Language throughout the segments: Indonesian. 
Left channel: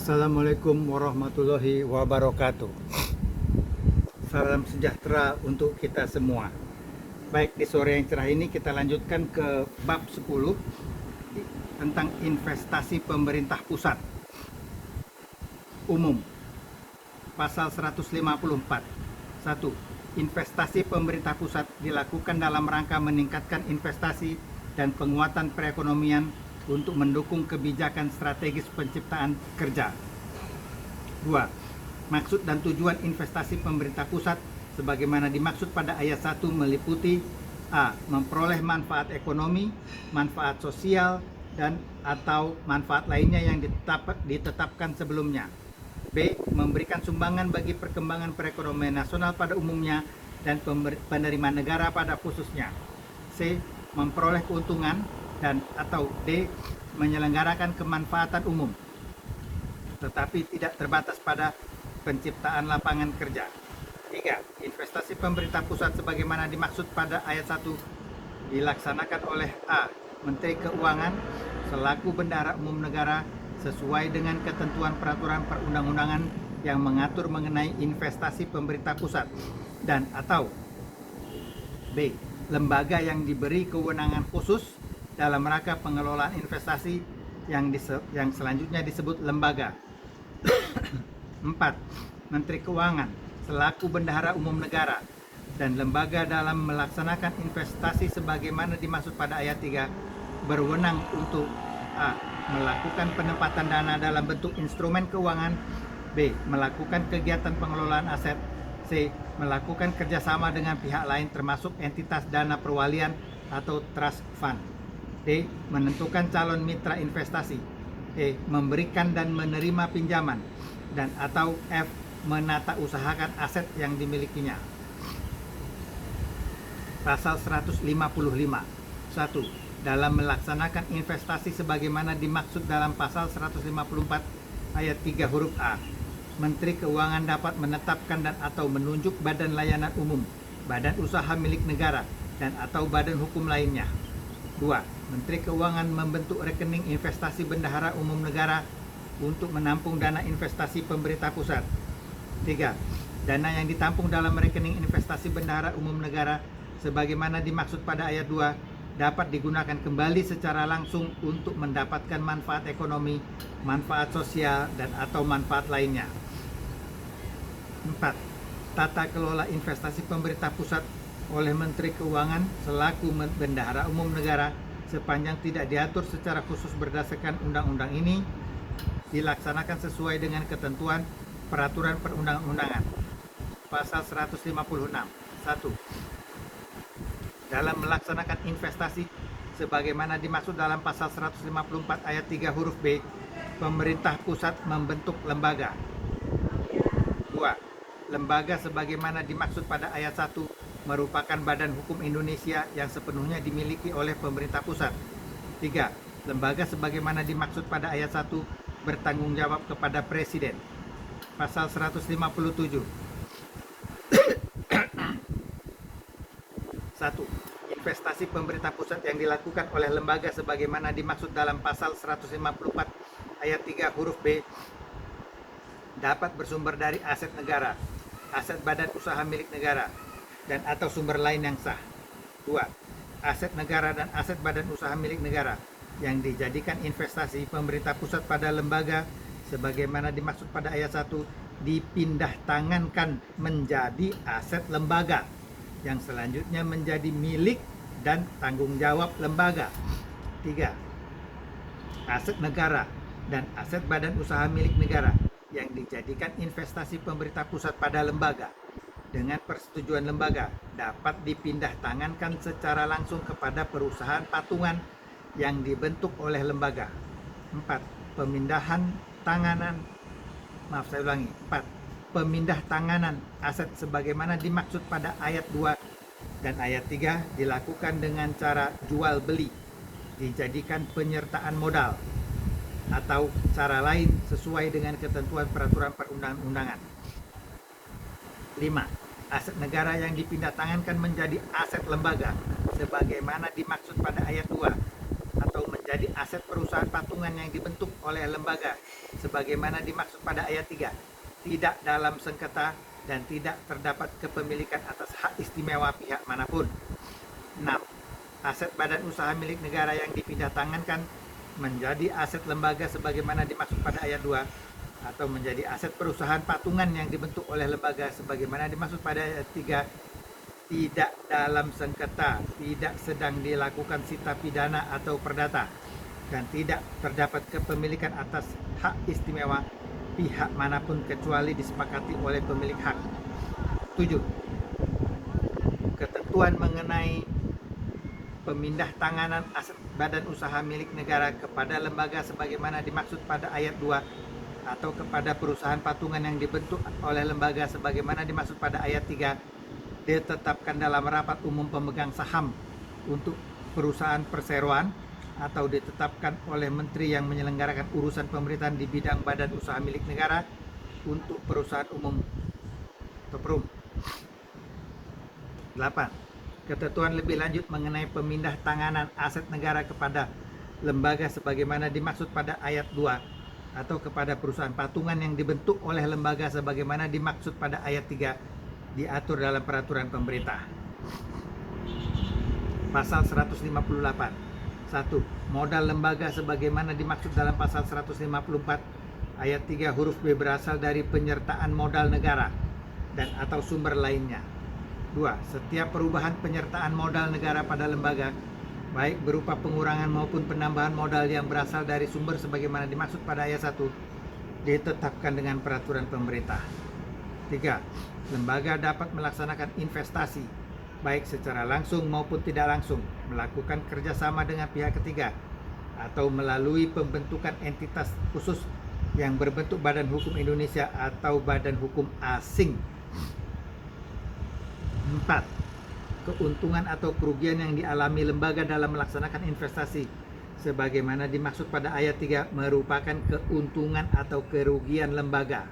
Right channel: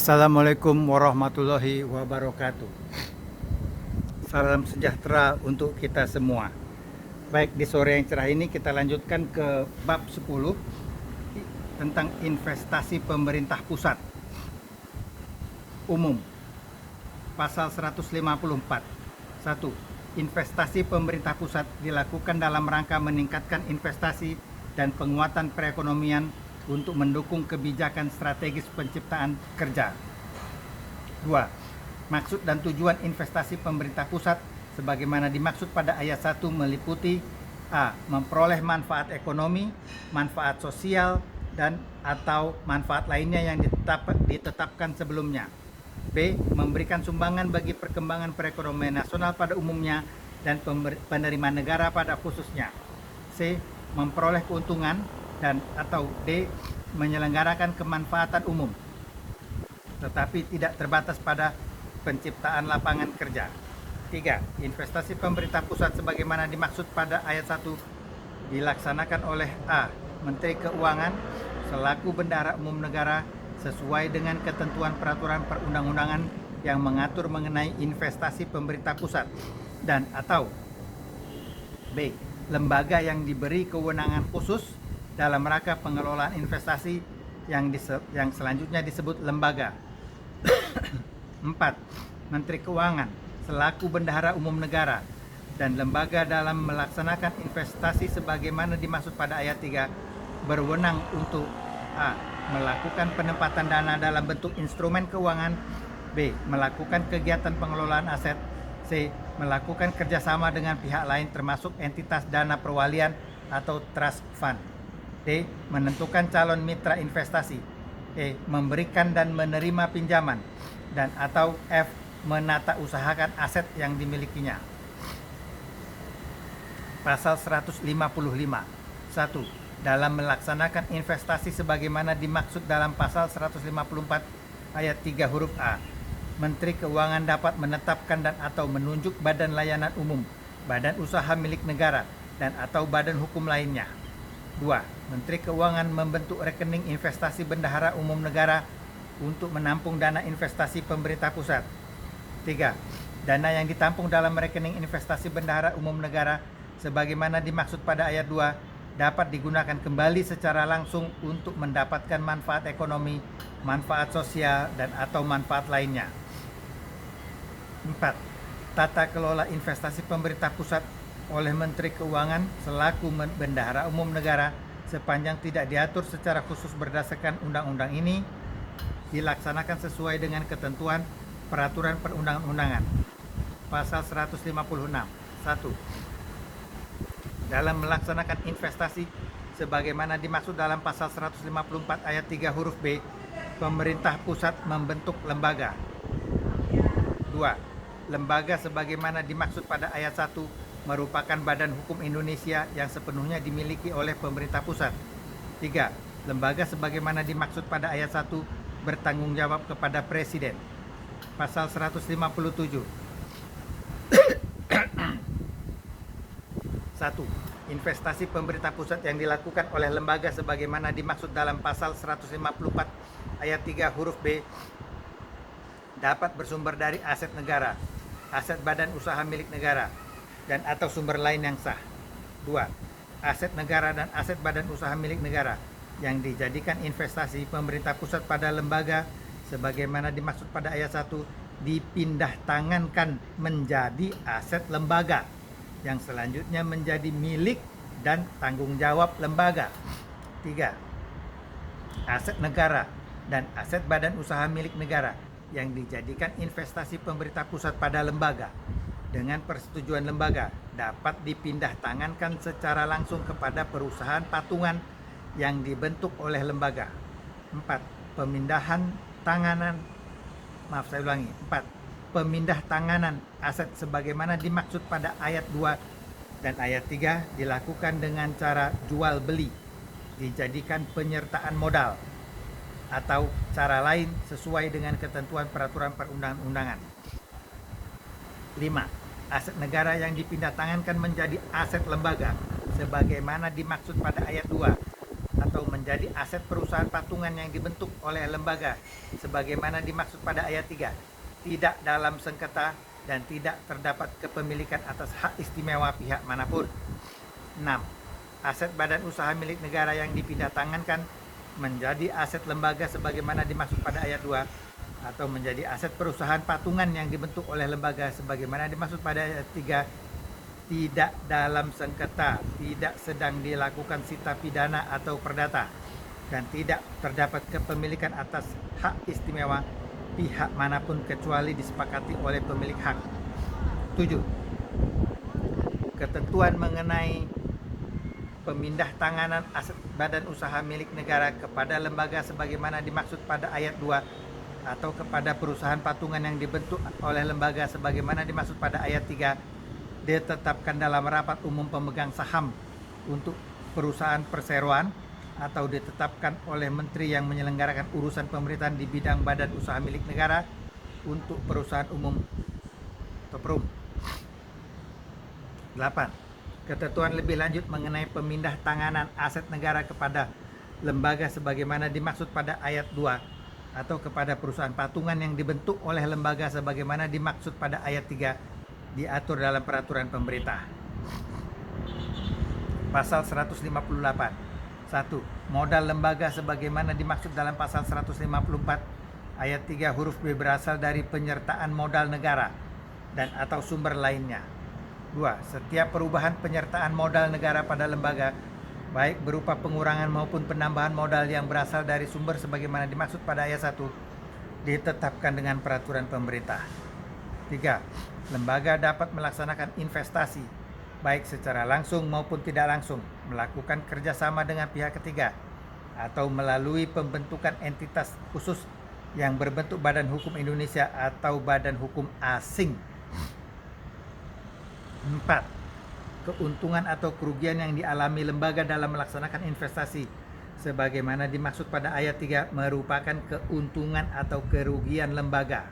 Assalamualaikum warahmatullahi wabarakatuh. Salam sejahtera untuk kita semua. Baik, di sore yang cerah ini kita lanjutkan ke bab 10 tentang investasi pemerintah pusat umum. Pasal 154. 1. Investasi pemerintah pusat dilakukan dalam rangka meningkatkan investasi dan penguatan perekonomian untuk mendukung kebijakan strategis penciptaan kerja. 2. Maksud dan tujuan investasi pemerintah pusat sebagaimana dimaksud pada ayat 1 meliputi A. Memperoleh manfaat ekonomi, manfaat sosial, dan atau manfaat lainnya yang ditetapkan sebelumnya. B. Memberikan sumbangan bagi perkembangan perekonomian nasional pada umumnya dan penerimaan negara pada khususnya. C. Memperoleh keuntungan dan atau D. Menyelenggarakan kemanfaatan umum tetapi tidak terbatas pada penciptaan lapangan kerja. 3. Investasi pemerintah pusat sebagaimana dimaksud pada ayat 1 dilaksanakan oleh A. Menteri Keuangan selaku bendahara umum negara sesuai dengan ketentuan peraturan perundang-undangan yang mengatur mengenai investasi pemerintah pusat dan atau B. Lembaga yang diberi kewenangan khusus dalam rangka pengelolaan investasi yang selanjutnya disebut lembaga. 4. Menteri Keuangan selaku bendahara umum negara dan lembaga dalam melaksanakan investasi sebagaimana dimaksud pada ayat 3 berwenang untuk A. Melakukan penempatan dana dalam bentuk instrumen keuangan, B. Melakukan kegiatan pengelolaan aset, C. Melakukan kerjasama dengan pihak lain termasuk entitas dana perwalian atau trust fund, D. Menentukan calon mitra investasi, E. Memberikan dan menerima pinjaman, dan atau F. Menata usahakan aset yang dimilikinya. Pasal 155. 1. Dalam melaksanakan investasi sebagaimana dimaksud dalam pasal 154 ayat 3 huruf A, Menteri Keuangan dapat menetapkan dan atau menunjuk badan layanan umum, badan usaha milik negara, dan atau badan hukum lainnya. 2. Menteri Keuangan membentuk rekening investasi bendahara umum negara untuk menampung dana investasi pemerintah pusat. 3. Dana yang ditampung dalam rekening investasi bendahara umum negara sebagaimana dimaksud pada ayat 2 dapat digunakan kembali secara langsung untuk mendapatkan manfaat ekonomi, manfaat sosial, dan atau manfaat lainnya. 4. Tata kelola investasi pemerintah pusat oleh Menteri Keuangan selaku bendahara umum negara sepanjang tidak diatur secara khusus berdasarkan undang-undang ini dilaksanakan sesuai dengan ketentuan peraturan perundang-undangan. Pasal 156. 1. Dalam melaksanakan investasi sebagaimana dimaksud dalam pasal 154 ayat 3 huruf B, pemerintah pusat membentuk lembaga. 2. Lembaga sebagaimana dimaksud pada ayat 1 merupakan badan hukum Indonesia yang sepenuhnya dimiliki oleh pemerintah pusat. 3. Lembaga sebagaimana dimaksud pada ayat 1 bertanggung jawab kepada Presiden. Pasal 157. 1. Investasi pemerintah pusat yang dilakukan oleh lembaga sebagaimana dimaksud dalam pasal 154 ayat 3 huruf B dapat bersumber dari aset negara, aset badan usaha milik negara, dan atau sumber lain yang sah. 2. Aset negara dan aset badan usaha milik negara yang dijadikan investasi pemerintah pusat pada lembaga sebagaimana dimaksud pada ayat 1 dipindah tangankan menjadi aset lembaga yang selanjutnya menjadi milik dan tanggung jawab lembaga. 3. Aset negara dan aset badan usaha milik negara yang dijadikan investasi pemerintah pusat pada lembaga dengan persetujuan lembaga dapat dipindah tangankan secara langsung kepada perusahaan patungan yang dibentuk oleh lembaga. 4. Pemindah tanganan aset sebagaimana dimaksud pada ayat 2 dan ayat 3 dilakukan dengan cara jual beli, dijadikan penyertaan modal, atau cara lain sesuai dengan ketentuan peraturan perundang-undangan. 5. Aset negara yang dipindah tangankan menjadi aset lembaga sebagaimana dimaksud pada ayat 2 atau menjadi menjadi aset perusahaan patungan yang dibentuk oleh lembaga sebagaimana dimaksud pada ayat 3, tidak dalam sengketa dan tidak terdapat kepemilikan atas hak istimewa pihak manapun. 6. Aset badan usaha milik negara yang dipindah tangankan menjadi aset lembaga sebagaimana dimaksud pada ayat 2 atau menjadi aset perusahaan patungan yang dibentuk oleh lembaga sebagaimana dimaksud pada ayat 3, tidak dalam sengketa, tidak sedang dilakukan sita pidana atau perdata, dan tidak terdapat kepemilikan atas hak istimewa pihak manapun kecuali disepakati oleh pemilik hak. 7. Ketentuan mengenai pemindah tanganan aset badan usaha milik negara kepada lembaga sebagaimana dimaksud pada ayat 2 atau kepada perusahaan patungan yang dibentuk oleh lembaga sebagaimana dimaksud pada ayat 3 ditetapkan dalam rapat umum pemegang saham untuk perusahaan perseroan atau ditetapkan oleh menteri yang menyelenggarakan urusan pemerintahan di bidang badan usaha milik negara untuk perusahaan umum atau perum. 8. Ketentuan lebih lanjut mengenai pemindah tanganan aset negara kepada lembaga sebagaimana dimaksud pada ayat 2 atau kepada perusahaan patungan yang dibentuk oleh lembaga sebagaimana dimaksud pada ayat 3 diatur dalam peraturan pemerintah. Pasal 158. 1. Modal lembaga sebagaimana dimaksud dalam pasal 154 ayat 3 huruf B berasal dari penyertaan modal negara dan atau sumber lainnya. 2. Setiap perubahan penyertaan modal negara pada lembaga, baik berupa pengurangan maupun penambahan modal yang berasal dari sumber sebagaimana dimaksud pada ayat 1, ditetapkan dengan peraturan pemerintah. 3. Lembaga dapat melaksanakan investasi, baik secara langsung maupun tidak langsung, melakukan kerjasama dengan pihak ketiga, atau melalui pembentukan entitas khusus yang berbentuk badan hukum Indonesia atau badan hukum asing. 4. Keuntungan atau kerugian yang dialami lembaga dalam melaksanakan investasi sebagaimana dimaksud pada ayat 3 merupakan keuntungan atau kerugian lembaga.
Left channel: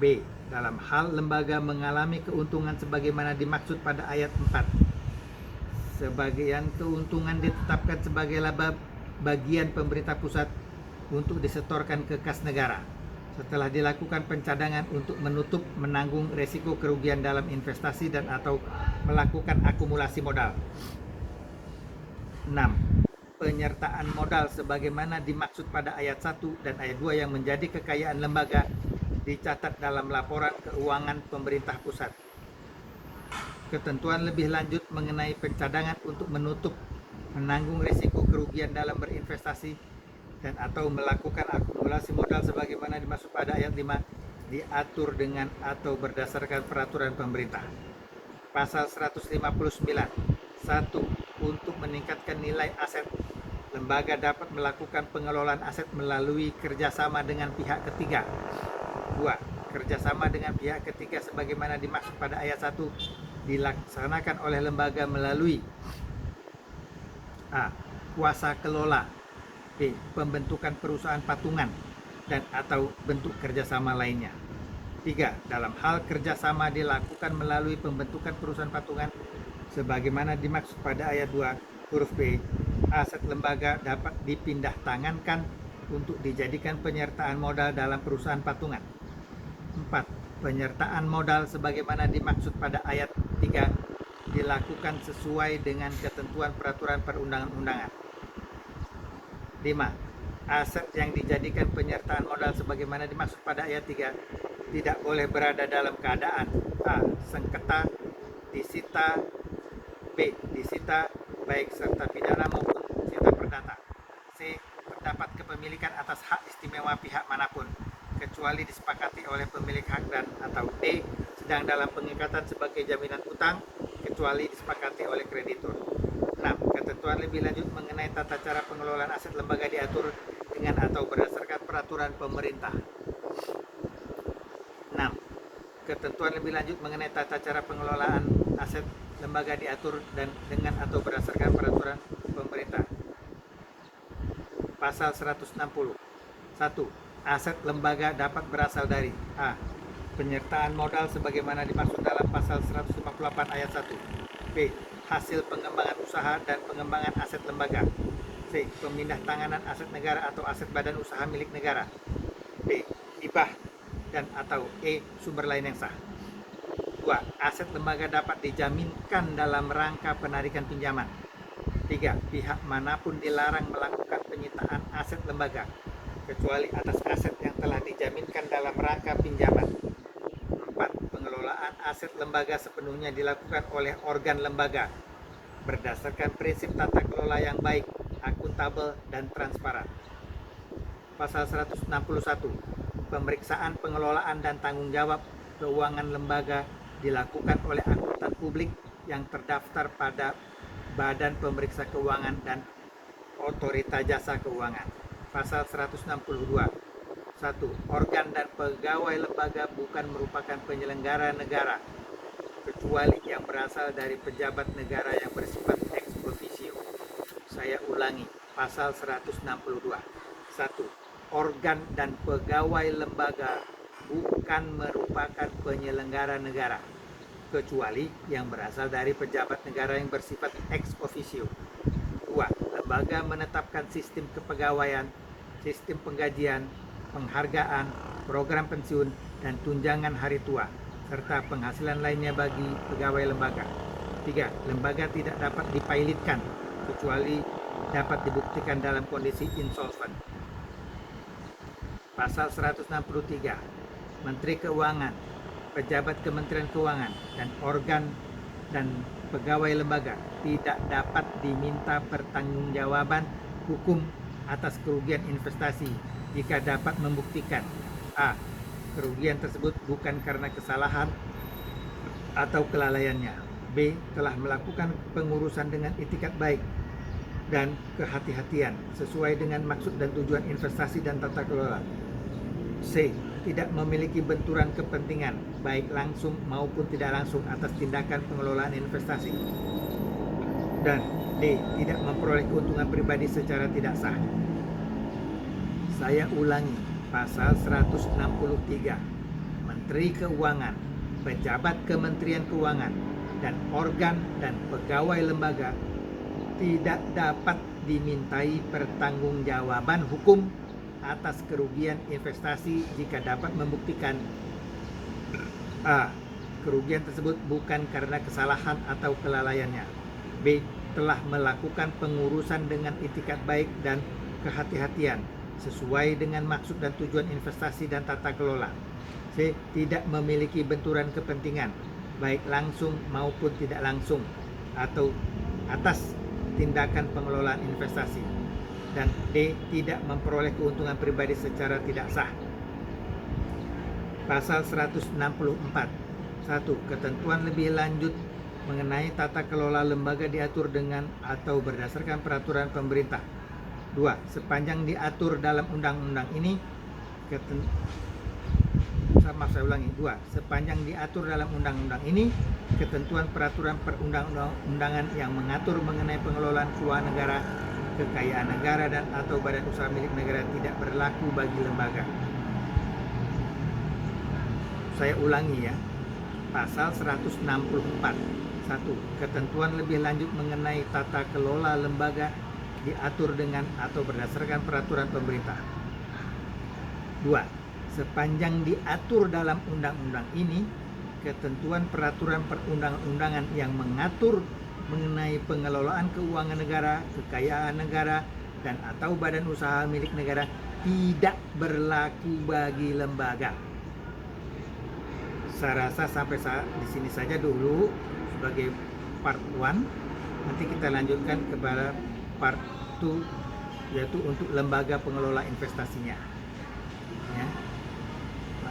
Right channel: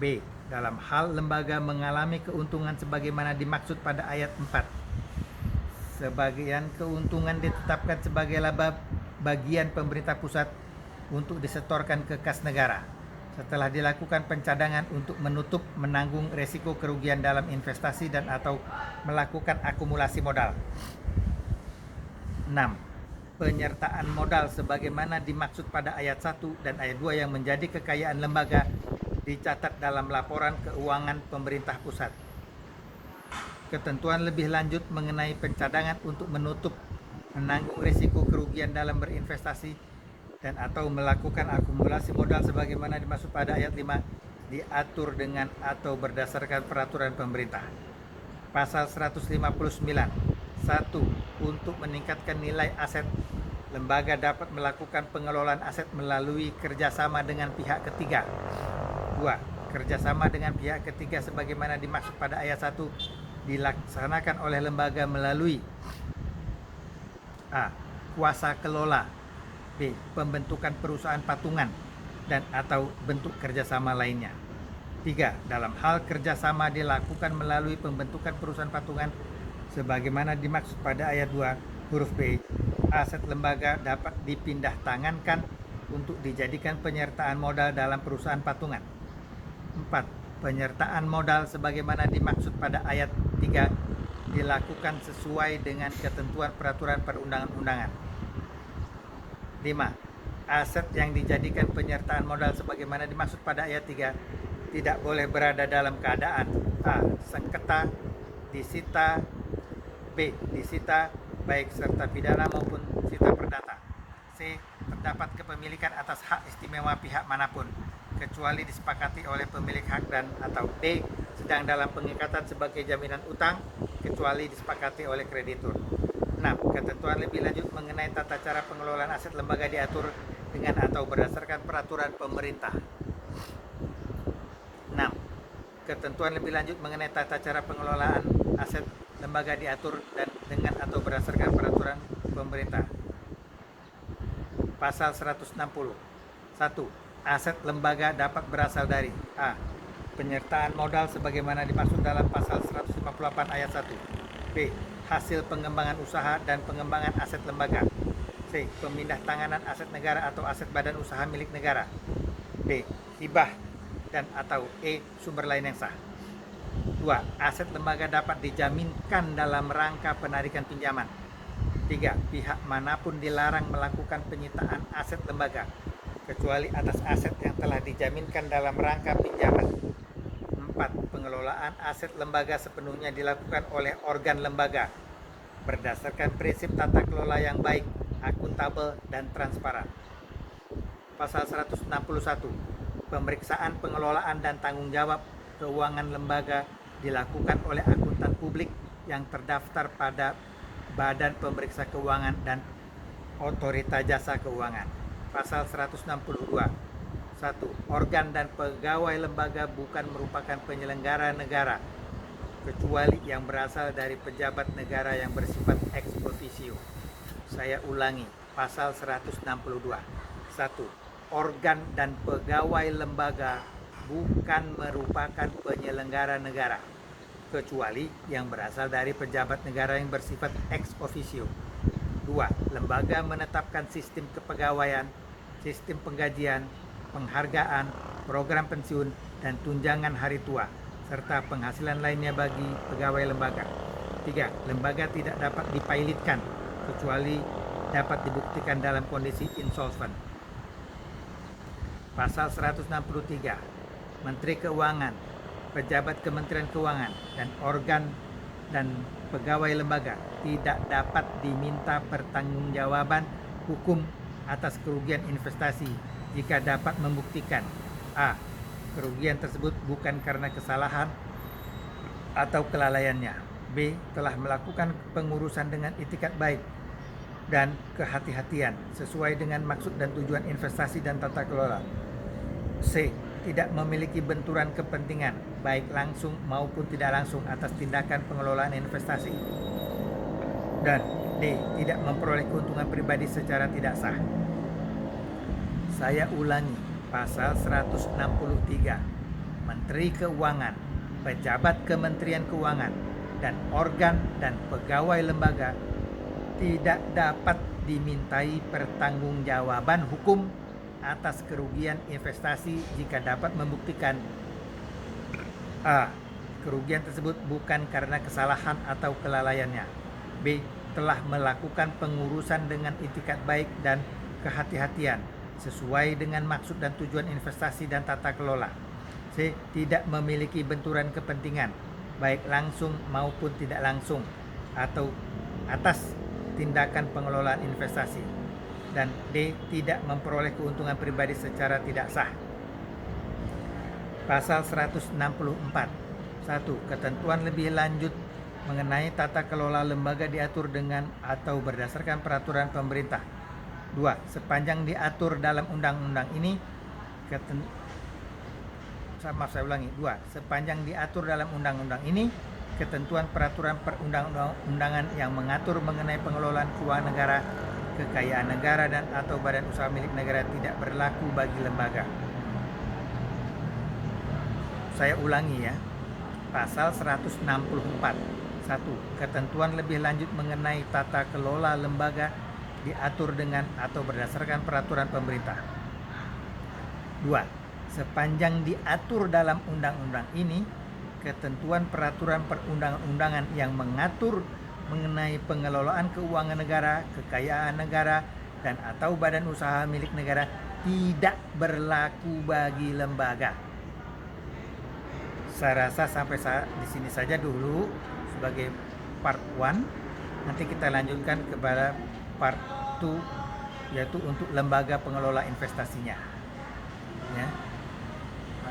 B. Dalam hal lembaga mengalami keuntungan sebagaimana dimaksud pada ayat 4, sebagian keuntungan ditetapkan sebagai laba bagian pemerintah pusat untuk disetorkan ke kas negara setelah dilakukan pencadangan untuk menutup menanggung resiko kerugian dalam investasi dan atau melakukan akumulasi modal. 6. Penyertaan modal sebagaimana dimaksud pada ayat 1 dan ayat 2 yang menjadi kekayaan lembaga dicatat dalam laporan keuangan pemerintah pusat. Ketentuan lebih lanjut mengenai pencadangan untuk menutup menanggung risiko kerugian dalam berinvestasi dan atau melakukan akumulasi modal sebagaimana dimaksud pada ayat 5 diatur dengan atau berdasarkan peraturan pemerintah. Pasal 159. 1. Untuk meningkatkan nilai aset, lembaga dapat melakukan pengelolaan aset melalui kerjasama dengan pihak ketiga. 2. Kerjasama dengan pihak ketiga sebagaimana dimaksud pada ayat 1 dilaksanakan oleh lembaga melalui A. Kuasa kelola, B. Pembentukan perusahaan patungan dan atau bentuk kerjasama lainnya. 3. Dalam hal kerjasama dilakukan melalui pembentukan perusahaan patungan sebagaimana dimaksud pada ayat 2 huruf B, aset lembaga dapat dipindah tangankan untuk dijadikan penyertaan modal dalam perusahaan patungan. 4. Penyertaan modal sebagaimana dimaksud pada ayat 3 dilakukan sesuai dengan ketentuan peraturan perundang-undangan. 5. Aset yang dijadikan penyertaan modal sebagaimana dimaksud pada ayat 3 tidak boleh berada dalam keadaan A. Sengketa, disita, B. Disita baik serta pidana maupun sita perdata, C. Terdapat kepemilikan atas hak istimewa pihak manapun kecuali disepakati oleh pemilik hak dan atau D. Sedang dalam pengikatan sebagai jaminan utang kecuali disepakati oleh kreditur. 6. Ketentuan lebih lanjut mengenai tata cara pengelolaan aset lembaga diatur dengan atau berdasarkan peraturan pemerintah. 6. Ketentuan lebih lanjut mengenai tata cara pengelolaan aset lembaga diatur dan dengan atau berdasarkan peraturan pemerintah. Pasal 160. 1. Aset lembaga dapat berasal dari A. Penyertaan modal sebagaimana dimaksud dalam pasal 158 ayat 1. B. Hasil pengembangan usaha dan pengembangan aset lembaga. C. Pemindah tanganan aset negara atau aset badan usaha milik negara. D. Hibah dan atau E. Sumber lain yang sah. 2. Aset lembaga dapat dijaminkan dalam rangka penarikan pinjaman. 3. Pihak manapun dilarang melakukan penyitaan aset lembaga kecuali atas aset yang telah dijaminkan dalam rangka pinjaman. 4. Pengelolaan aset lembaga sepenuhnya dilakukan oleh organ lembaga berdasarkan prinsip tata kelola yang baik, akuntabel, dan transparan. Pasal 161. Pemeriksaan pengelolaan dan tanggung jawab keuangan lembaga dilakukan oleh akuntan publik yang terdaftar pada Badan Pemeriksa Keuangan dan Otorita Jasa Keuangan. Pasal 162. 1. Organ dan pegawai lembaga bukan merupakan penyelenggara negara kecuali yang berasal dari pejabat negara yang bersifat ex officio. Saya ulangi, pasal 162. 1. Organ dan pegawai lembaga bukan merupakan penyelenggara negara kecuali yang berasal dari pejabat negara yang bersifat ex officio. 2. Lembaga menetapkan sistem kepegawaian, sistem penggajian, penghargaan, program pensiun, dan tunjangan hari tua, serta penghasilan lainnya bagi pegawai lembaga. 3. Lembaga tidak dapat dipailitkan kecuali dapat dibuktikan dalam kondisi insolvent. Pasal 163. Menteri Keuangan, pejabat Kementerian Keuangan, dan organ dan pegawai lembaga tidak dapat diminta pertanggungjawaban hukum atas kerugian investasi jika dapat membuktikan a. Kerugian tersebut bukan karena kesalahan atau kelalaiannya, b. Telah melakukan pengurusan dengan itikat baik dan kehati-hatian sesuai dengan maksud dan tujuan investasi dan tata kelola, c. Tidak memiliki benturan kepentingan baik langsung maupun tidak langsung atas tindakan pengelolaan investasi, dan D. Tidak memperoleh keuntungan pribadi secara tidak sah. Saya ulangi, pasal 163. Menteri Keuangan, pejabat Kementerian Keuangan, dan organ dan pegawai lembaga tidak dapat dimintai pertanggungjawaban hukum atas kerugian investasi jika dapat membuktikan a. Kerugian tersebut bukan karena kesalahan atau kelalaiannya, b. Telah melakukan pengurusan dengan itikat baik dan kehati-hatian sesuai dengan maksud dan tujuan investasi dan tata kelola, c. Tidak memiliki benturan kepentingan baik langsung maupun tidak langsung atau atas tindakan pengelolaan investasi, dan D. Tidak memperoleh keuntungan pribadi secara tidak sah. Pasal 164. 1. Ketentuan lebih lanjut mengenai tata kelola lembaga diatur dengan atau berdasarkan peraturan pemerintah. 2. Sepanjang diatur dalam undang-undang ini Sepanjang diatur dalam undang-undang ini, ketentuan peraturan perundang-undangan yang mengatur mengenai pengelolaan keuangan negara, kekayaan negara, dan atau badan usaha milik negara tidak berlaku bagi lembaga. Saya ulangi ya. Pasal 164. 1. Ketentuan lebih lanjut mengenai tata kelola lembaga diatur dengan atau berdasarkan peraturan pemerintah. 2. Sepanjang diatur dalam undang-undang ini, ketentuan peraturan perundang-undangan yang mengatur mengenai pengelolaan keuangan negara, kekayaan negara, dan atau badan usaha milik negara tidak berlaku bagi lembaga. Saya rasa sampai di sini saja dulu sebagai part 1. Nanti kita lanjutkan kepada part 2, yaitu untuk lembaga pengelola investasinya. Ya.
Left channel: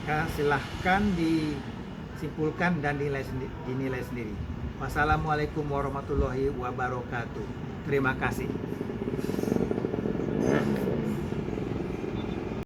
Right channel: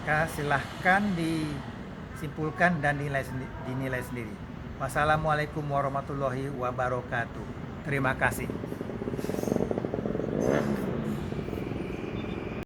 Maka silahkan disimpulkan dan dinilai sendiri. Wassalamualaikum warahmatullahi wabarakatuh. Terima kasih.